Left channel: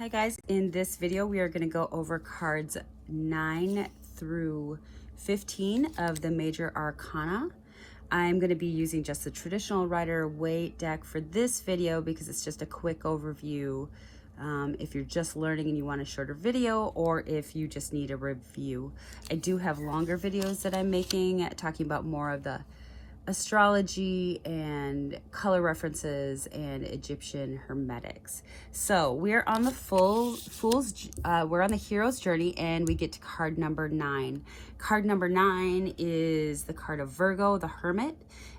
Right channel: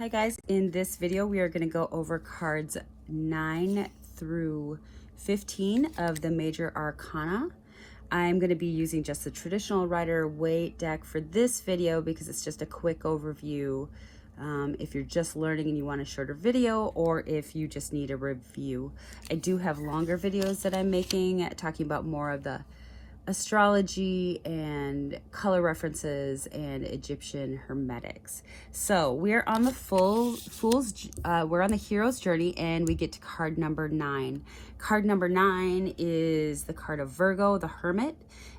Hi guys, in this video we are going to go over cards 9 through 15 of the major arcana. I'm going to be using just the traditional Rider-Waite deck for this video because it's just a quick overview if you're just learning and you want a shorter video, or if you just need a review. I do have longer videos that I'm making talking about more of the astrology and color references and Egyptian hermetics. So we're on the we're on the hero's journey, and we get to card number 9. Card number 9 is the card of Virgo, the hermit.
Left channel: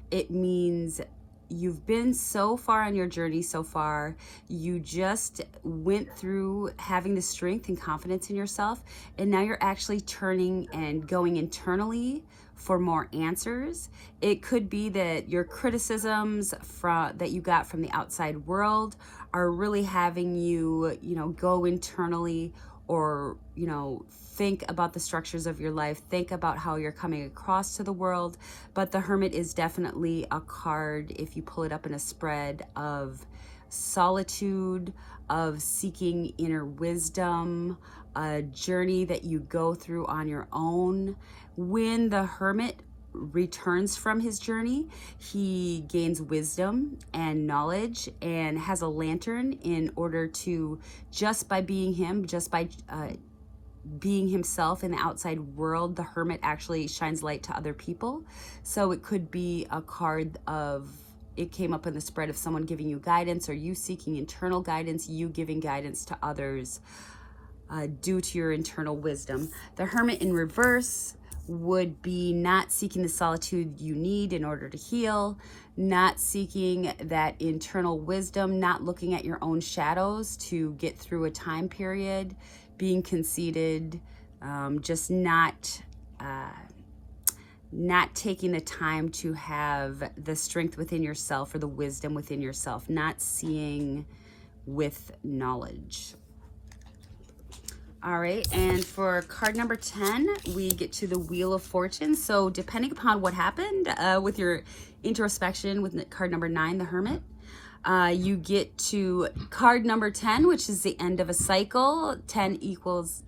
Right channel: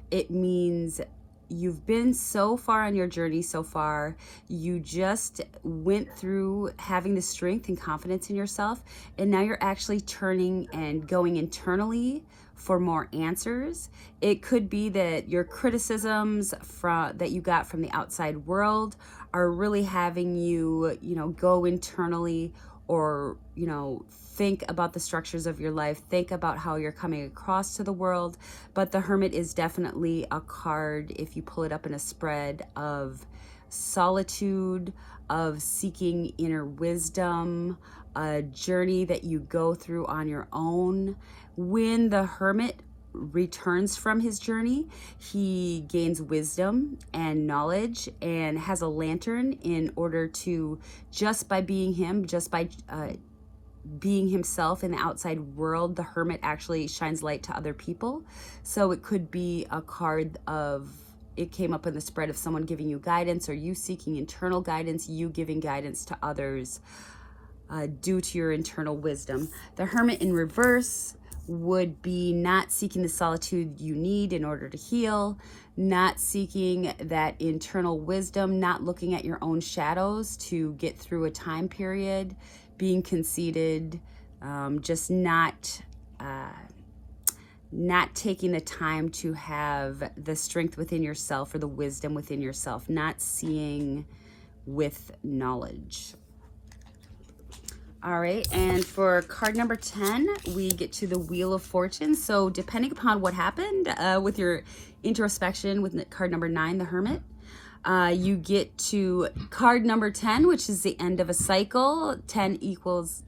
It means you've been so far on your journey so far. You just went through having the strength and confidence in yourself, and now you're actually turning and going internally for more answers. It could be that your criticisms that you got from the outside world are really having you, go internally, or, think about the structures of your life, think about how you're coming across to the world. But the hermit is definitely a card, if you pull it up in a spread, of solitude, of seeking inner wisdom, a journey that you go through on your own. When the hermit returns from his journey, he gains wisdom and knowledge and has a lantern in order to, just by being him, just by being himself in the outside world, the hermit actually shines light to other people. So it could be a card of, it came up in the spread of someone giving you guidance, or you seeking internal guidance, you giving guidance to others due to your internal wisdom. The hermit in reverse would be not seeking the solitude you need in order to heal, not seeking that internal wisdom, not looking at your own shadows to get through a time period, being conceited, just not taking the time to have the strength within yourself or the wisdom within yourself, not seeing with knowledge. All right, and for card number 10, we get to the Wheel of Fortune. So depending upon what happened with your introspection with card number 9, the Hermit, you get to card number 10, which is the end of a cycle. 10 equals,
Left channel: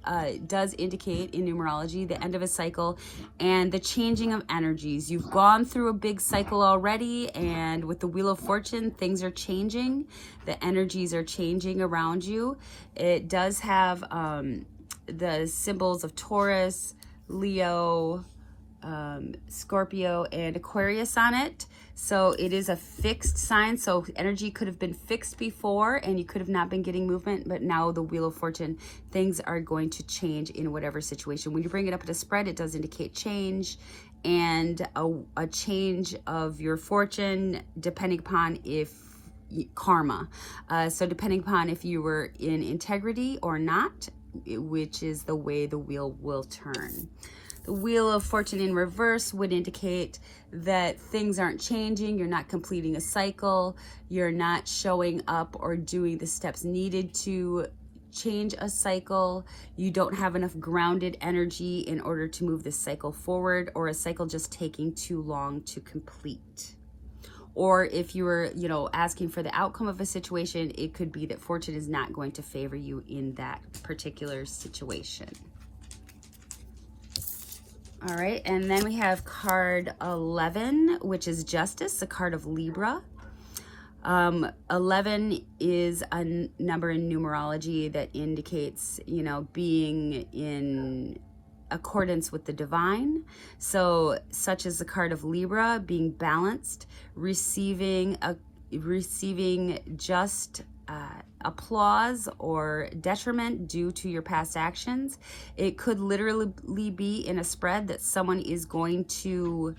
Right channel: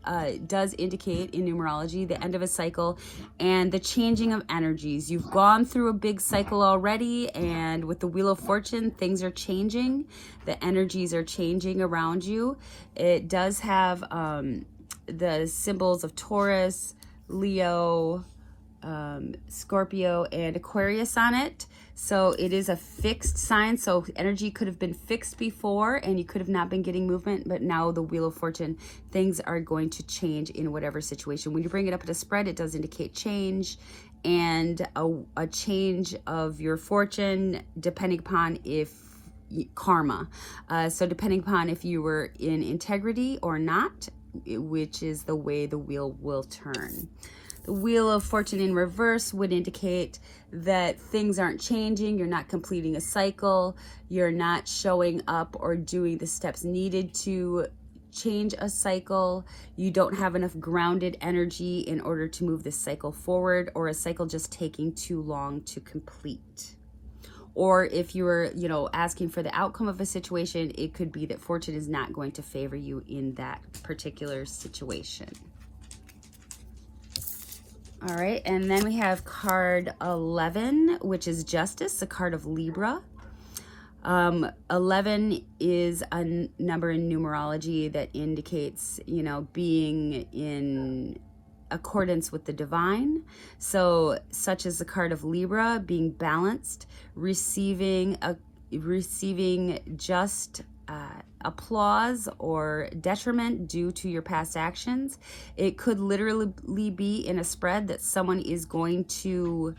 does indicate in numerology the end of a cycle and the changing of energies. You've gone through a big cycle already, and with the Wheel of Fortune, things are changing. The energies are changing around you. It does have the symbols of Taurus, Leo, Scorpio, and Aquarius on it. So it is a fixed sign. So energy could have been fixed before and you could have not been getting movement, but now the Wheel of Fortune, things are going to change in whatever situation. When you bring it up at a spread, it does indicate change, and a change of your fortune depending upon if karma. So depending upon if you were in integrity or not, which is the way the wheel will turn. The Wheel of Fortune in reverse would indicate that things aren't changing, you're not completing a cycle, you're not showing up or doing the steps needed to change a cycle, you don't have enough grounded energy in order to move this cycle forward, or a cycle just taking too long to complete. Or if you were, asking for the outcome of a situation, it could be that fortune is not going to favor you in that particular situation. All right, and then we have card 11, which is Justice, the card of Libra. 11 is a number in numerology that indicates, being in accordance with the divine. So such as the card of Libra, being balanced, receiving just applause or detriment due to your past actions. It could literally be in a spread that someone is going to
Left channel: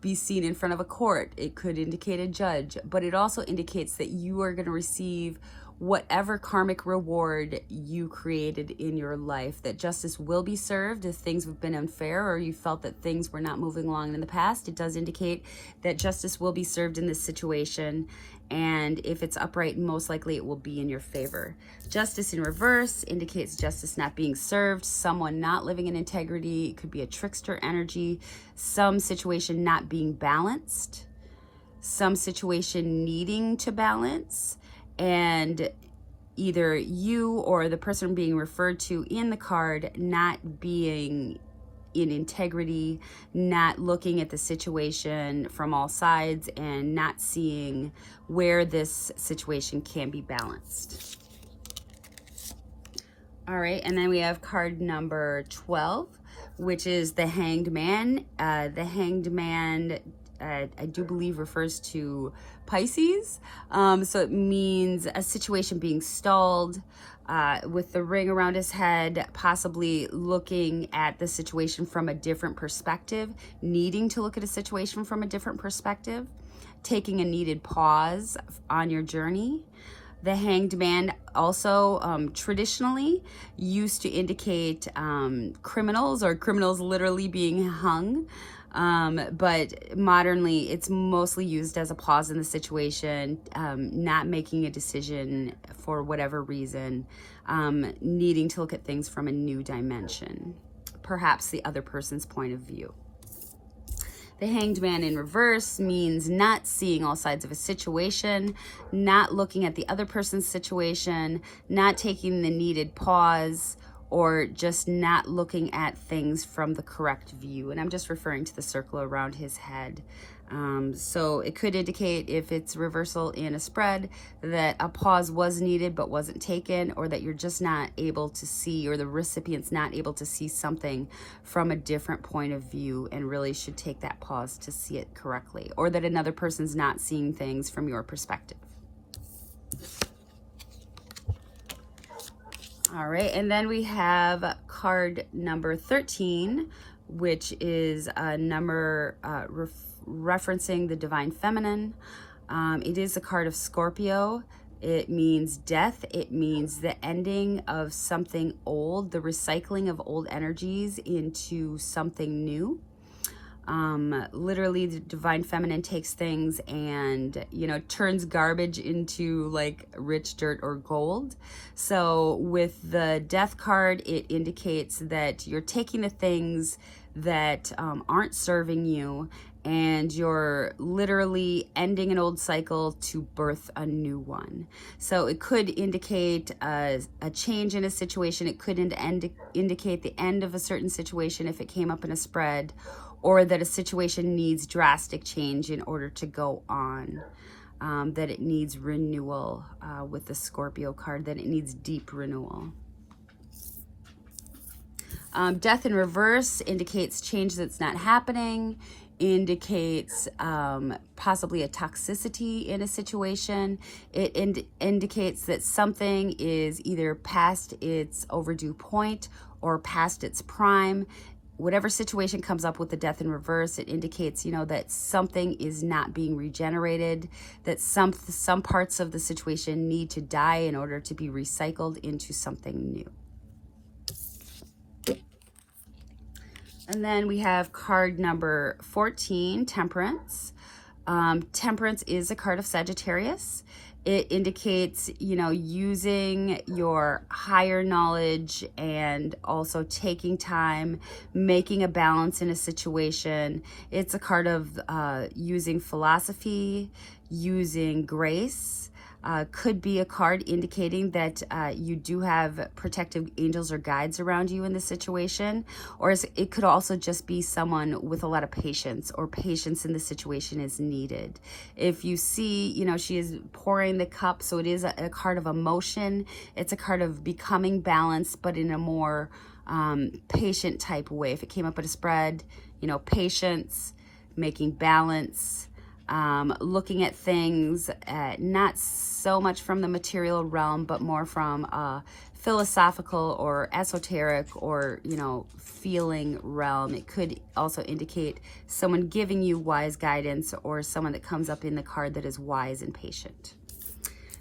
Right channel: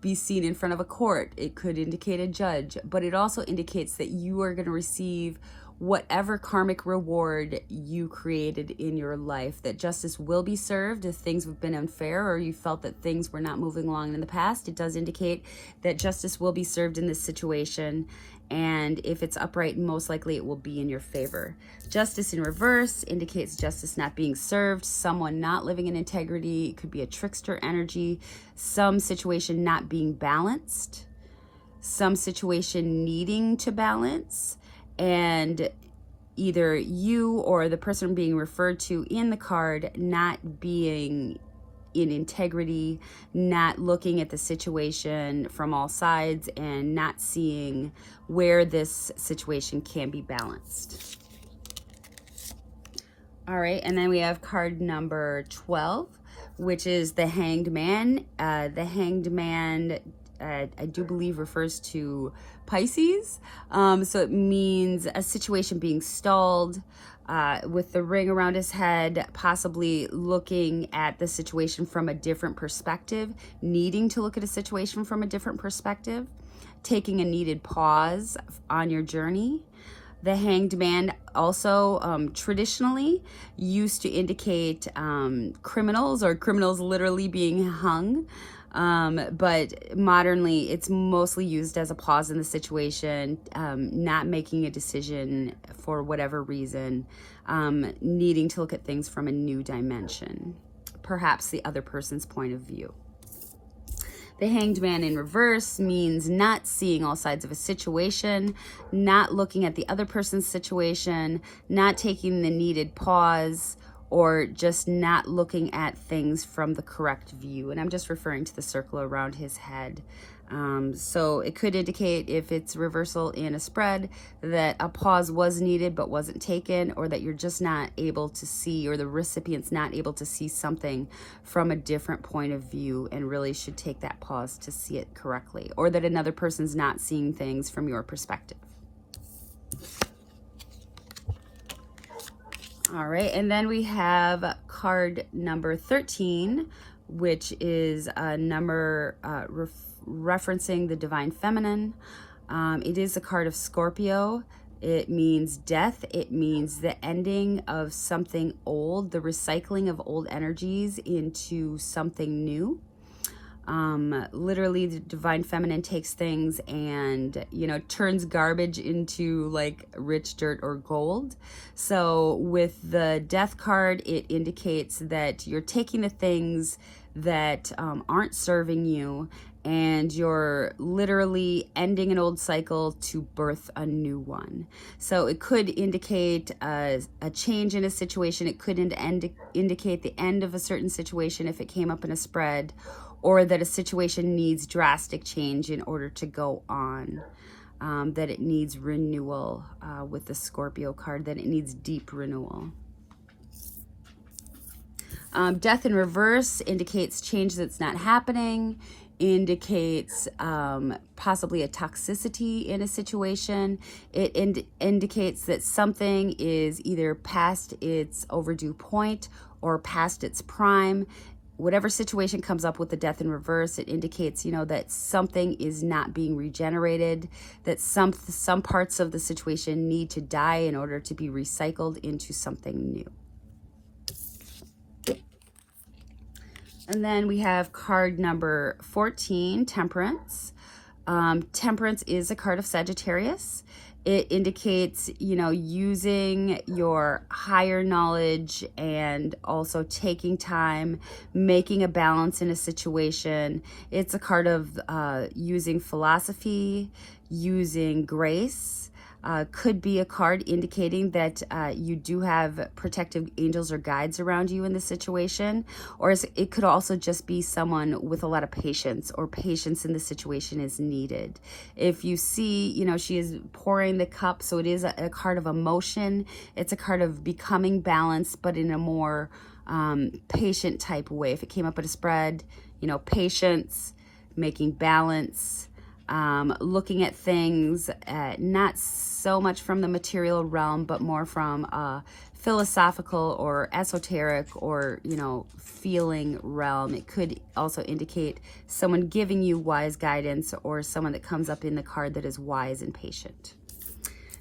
be seen in front of a court. It could indicate a judge, but it also indicates that you are going to receive whatever karmic reward you created in your life, that justice will be served if things have been unfair or you felt that things were not moving along in the past. It does indicate that justice will be served in this situation, and if it's upright, most likely it will be in your favor. Justice in reverse indicates justice not being served, someone not living in integrity. It could be a trickster energy, some situation not being balanced, some situation needing to balance, and either you or the person being referred to in the card not being in integrity, not looking at the situation from all sides, and not seeing where this situation can be balanced. All right, and then we have card number 12, which is the Hanged Man. The Hanged Man, I do believe, refers to Pisces. So it means a situation being stalled, with the ring around his head, possibly looking at the situation from a different perspective, needing to look at a situation from a different perspective, taking a needed pause on your journey. The Hanged Man also traditionally used to indicate criminals, or criminals literally being hung. But modernly, it's mostly used as a pause in the situation, not making a decision for whatever reason, needing to look at things from a new dimension, perhaps the other person's point of view. The Hanged Man in reverse means not seeing all sides of a situation, not looking at the other person's situation, not taking the needed pause, or just not looking at things from the correct view. And I'm just referring to the circle around his head. So it could indicate, if it's reversal in a spread, that a pause was needed but wasn't taken, or that you're just not able to see, or the recipient's not able to see something from a different point of view and really should take that pause to see it correctly, or that another person's not seeing things from your perspective. All right, and then we have card number 13, which is a number referencing the divine feminine. It is a card of Scorpio. It means death. It means the ending of something old, the recycling of old energies into something new. Literally, the divine feminine takes things and, turns garbage into like rich dirt or gold. So with the death card, it indicates that you're taking the things that aren't serving you, and you're literally ending an old cycle to birth a new one. So it could indicate a change in a situation. It could indicate the end of a certain situation if it came up in a spread, or that a situation needs drastic change in order to go on, that it needs renewal with the Scorpio card, that it needs deep renewal. Death in reverse indicates change that's not happening, indicates possibly a toxicity in a situation. It indicates that something is either past its overdue point or past its prime. Whatever situation comes up with the death in reverse, it indicates, that something is not being regenerated, that some parts of the situation need to die in order to be recycled into something new. And then we have card number 14, Temperance. Temperance is a card of Sagittarius. It indicates, using your higher knowledge and also taking time, making a balance in a situation. It's a card of using philosophy, using grace. Could be a card indicating that you do have protective angels or guides around you in the situation, or it could also just be someone with a lot of patience, or patience in the situation is needed. If you see, she is pouring the cup, so it is a card of emotion. It's a card of becoming balanced, but in a more patient type way. If it came up at a spread, patience, making balance, looking at things not so much from the material realm, but more from a philosophical or esoteric or, feeling realm. It could also indicate someone giving you wise guidance, or someone that comes up in the card that is wise and patient.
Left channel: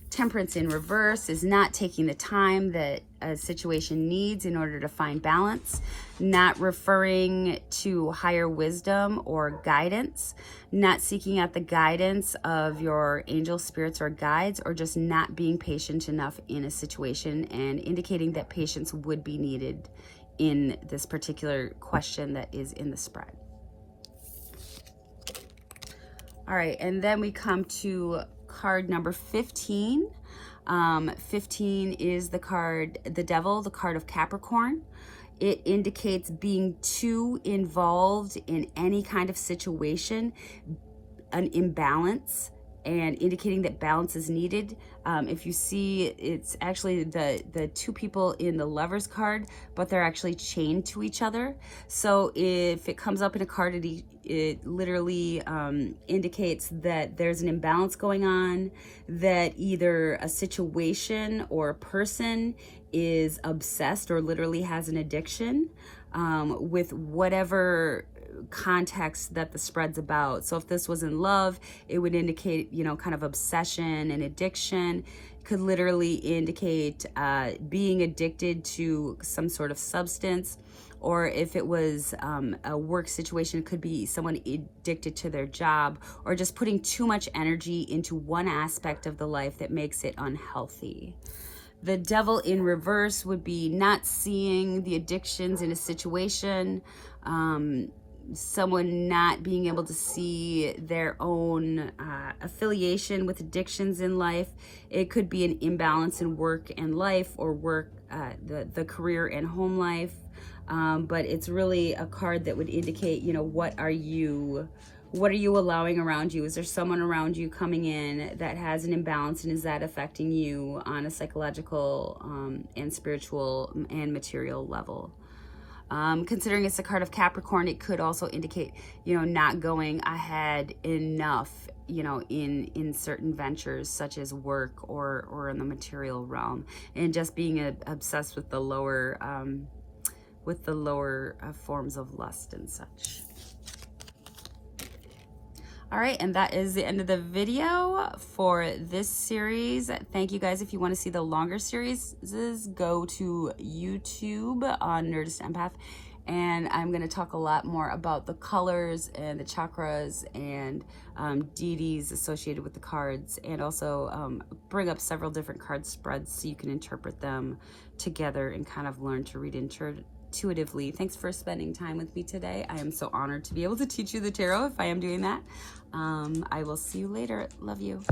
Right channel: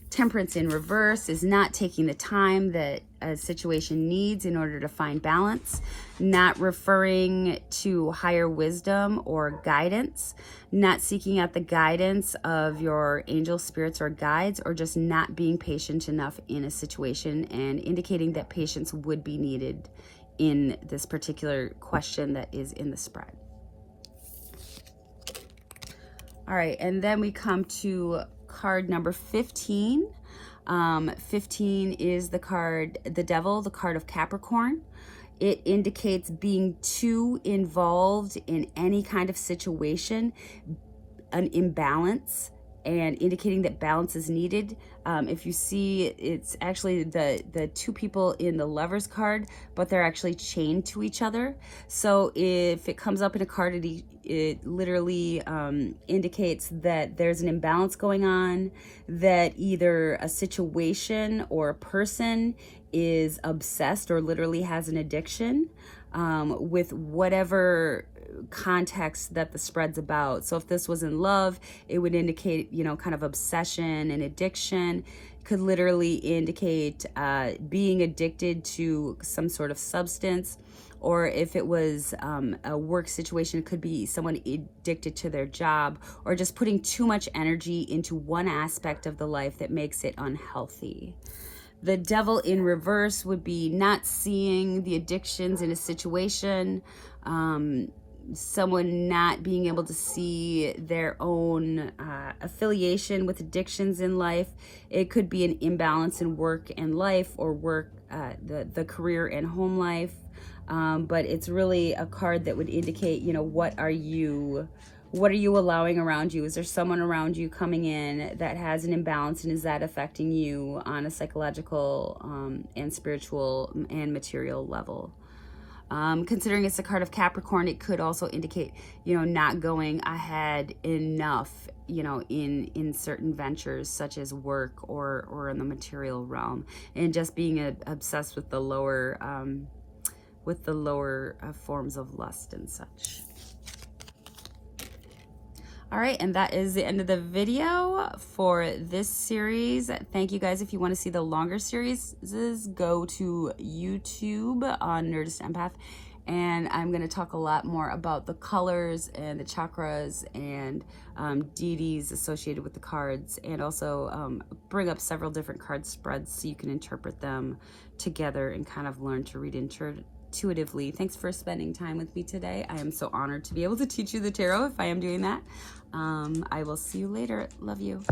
Temperance in reverse is not taking the time that a situation needs in order to find balance, not referring to higher wisdom or guidance, not seeking out the guidance of your angel spirits or guides, or just not being patient enough in a situation, and indicating that patience would be needed in this particular question that is in the spread. All right, and then we come to card number 15. 15 is the card, the Devil, the card of Capricorn. It indicates being too involved in any kind of situation, an imbalance, and indicating that balance is needed. If you see, it's actually the two people in the Lovers card, but they're actually chained to each other. So if it comes up in a card, it literally indicates that there's an imbalance going on, that either a situation or a person is obsessed or literally has an addiction with whatever context that the spread's about. So if this was in love, it would indicate, you know, kind of obsession and addiction. Could literally indicate being addicted to some sort of substance. Or if it was a work situation, it could be someone addicted to their job, or just putting too much energy into one aspect of the life that makes it unhealthy. The Devil in reverse would be not seeing the addictions in a situation, someone not being able to see their own affiliation with addictions in life. It could be an imbalance in work and life, or work, the career and home life. But it's really a card that would indicate, you know, what are you allowing around you? Is there someone around you coming in that has an imbalance, and is that affecting you on a psychological and spiritual and material level? Considering it's a card of Capricorn, it could also indicate, you know, not going ahead enough, you know, in certain ventures such as work or in the material realm, and just being obsessed with the lower forms of lust and such. All right, and that is the end of the video for this series. Thank you guys. If you want to see the longer series, go to YouTube on Nerdist Empath, and I'm going to talk a lot more about the colors and the chakras and deities associated with the cards, and also bring up several different card spreads so you can interpret them together and kind of learn to read intuitively. Thanks for spending time with me today. I am so honored to be able to teach you the tarot if I am doing that. I will see you later. Love you.